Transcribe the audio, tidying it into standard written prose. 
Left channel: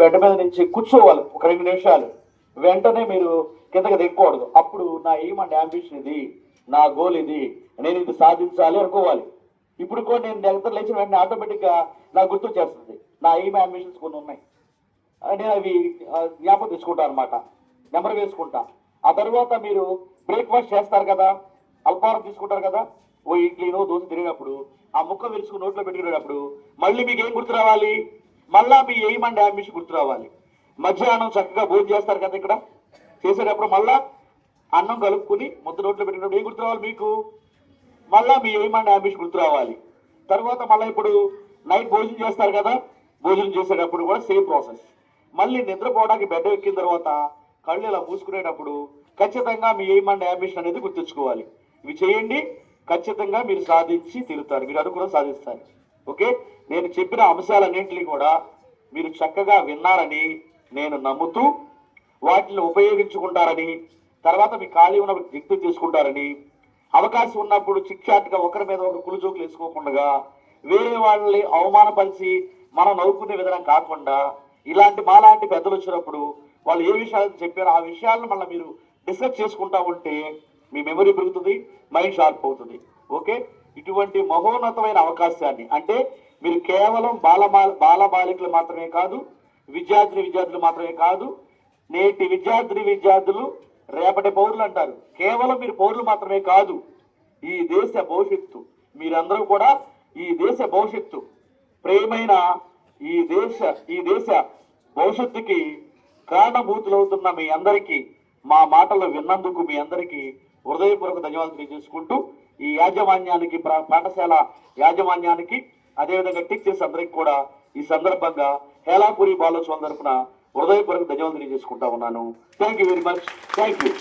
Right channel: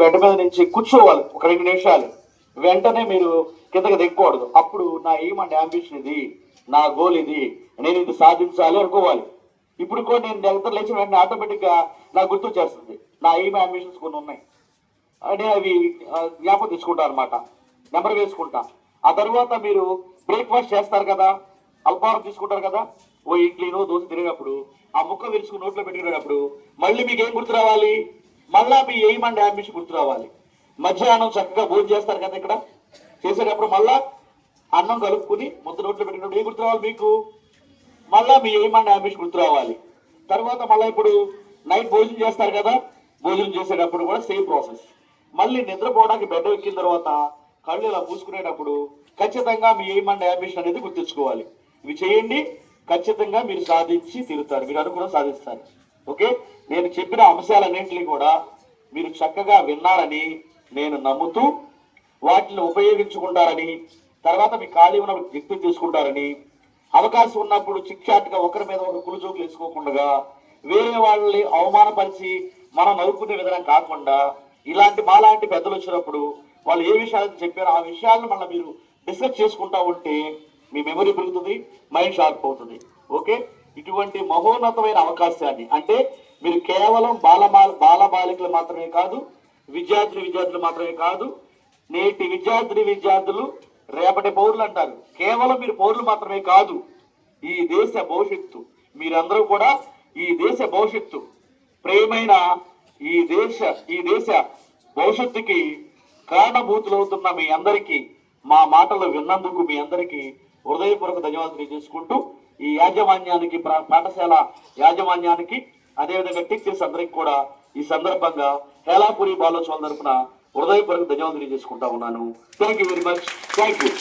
Bed మీద నుంచి కూర్చోవాలి ఒక 2 నిమిషాలు, వెంటనే మీరు కిందకి దిగకూడదు. అప్పుడు నా ఎయిమ్ అండ్ అంబిషన్ ఇది, నా గోల్ ఇది, నేను ఇది సాధించాలి అనుకోవాలి. ఇప్పుడు కూడా నేను నిద్ర లేచిన వెంటనే ఆటోమేటిక్గా నాకు గుర్తొచ్చేస్తుంది నా ఎయిమ్ అంబిషన్స్ కొన్ని ఉన్నాయి, నేను అవి జ్ఞాపకం తీసుకుంటాను అనమాట, నెంబర్ వేసుకుంటా. ఆ తర్వాత మీరు బ్రేక్ఫాస్ట్ చేస్తారు కదా, అల్పాహారం తీసుకుంటారు కదా, ఓ ఇడ్లీనో దోశ తిరిగినప్పుడు ఆ ముక్క విరుచుకుని నోట్లో పెట్టుకునేటప్పుడు మళ్ళీ మీకు ఏం గుర్తు రావాలి? మళ్ళా మీ ఎయిమ్ అండ్ అంబిషన్ గుర్తు రావాలి. మధ్యాహ్నం చక్కగా భోజనం చేస్తారు కదా, ఇక్కడ చేసేటప్పుడు మళ్ళా అన్నం కలుపుకుని ముద్ద నోట్లో పెట్టుకున్నప్పుడు ఏం గుర్తు రావాలి మీకు? మళ్ళా మీ ఎయిమ్ అండ్ అంబిషన్ గుర్తు రావాలి. తర్వాత మళ్ళీ ఇప్పుడు నైట్ భోజనం చేస్తారు కదా, భోజనం చేసేటప్పుడు కూడా సేమ్ ప్రాసెస్. మళ్ళీ నిద్రపోవడానికి బెడ్ ఎక్కిన తర్వాత కళ్ళు ఇలా పూసుకునేటప్పుడు ఖచ్చితంగా మీ ఎయిమ్ అండ్ అంబిషన్ అనేది గుర్తుంచుకోవాలి. ఇవి చేయండి, ఖచ్చితంగా మీరు సాధించి తీరుతారు, మీరు అనుకున్న సాధిస్తారు. ఓకే, నేను చెప్పిన అంశాలన్నింటినీ కూడా మీరు చక్కగా విన్నారని నేను నమ్ముతూ వాటిని ఉపయోగించుకుంటారని, తర్వాత మీ ఖాళీ ఉన్న వ్యక్తులు తీసుకుంటారని, అవకాశం ఉన్నప్పుడు చిక్చాట్గా ఒకరి మీద ఒక కులుజోకులు వేసుకోకుండా వేరే వాళ్ళని అవమానపరిచి మనం నవ్వుకునే విధానం కాకుండా ఇలాంటి మాలాంటి పెద్దలు వచ్చినప్పుడు వాళ్ళు ఏ విషయాలు చెప్పారో ఆ విషయాలను మళ్ళీ మీరు డిస్కస్ చేసుకుంటా ఉంటే మీ మెమరీ పెరుగుతుంది, మైండ్ షార్ప్ అవుతుంది. ఓకే, ఇటువంటి మహోన్నతమైన అవకాశాన్ని, అంటే మీరు కేవలం బాలబాలికలు మాత్రమే కాదు, విద్యార్థులు మాత్రమే కాదు, నేటి విద్యార్థులు రేపటి పౌరులు అంటారు. కేవలం మీరు పౌరులు మాత్రమే కాదు, ఈ దేశ భవిష్యత్తు. మీరందరూ కూడా ఈ దేశ భవిష్యత్తు. ప్రియమైన ఈ దేశ భవిష్యత్తుకి కారణభూతులవుతున్న మీ అందరికీ మా మాటలు విన్నందుకు మీ అందరికీ హృదయపూర్వక ధన్యవాదాలు తెలియజేసుకుంటూ ఈ యాజమాన్యానికి, పాఠశాల యాజమాన్యానికి, అదేవిధంగా టీచర్స్ అందరికి కూడా ఈ సందర్భంగా హేలాపురి బాలోత్సవం తరఫున హృదయపూర్వక ధన్యవాదాలు తెలియజేసుకుంటా ఉన్నాను. Thank you very much. Thank you.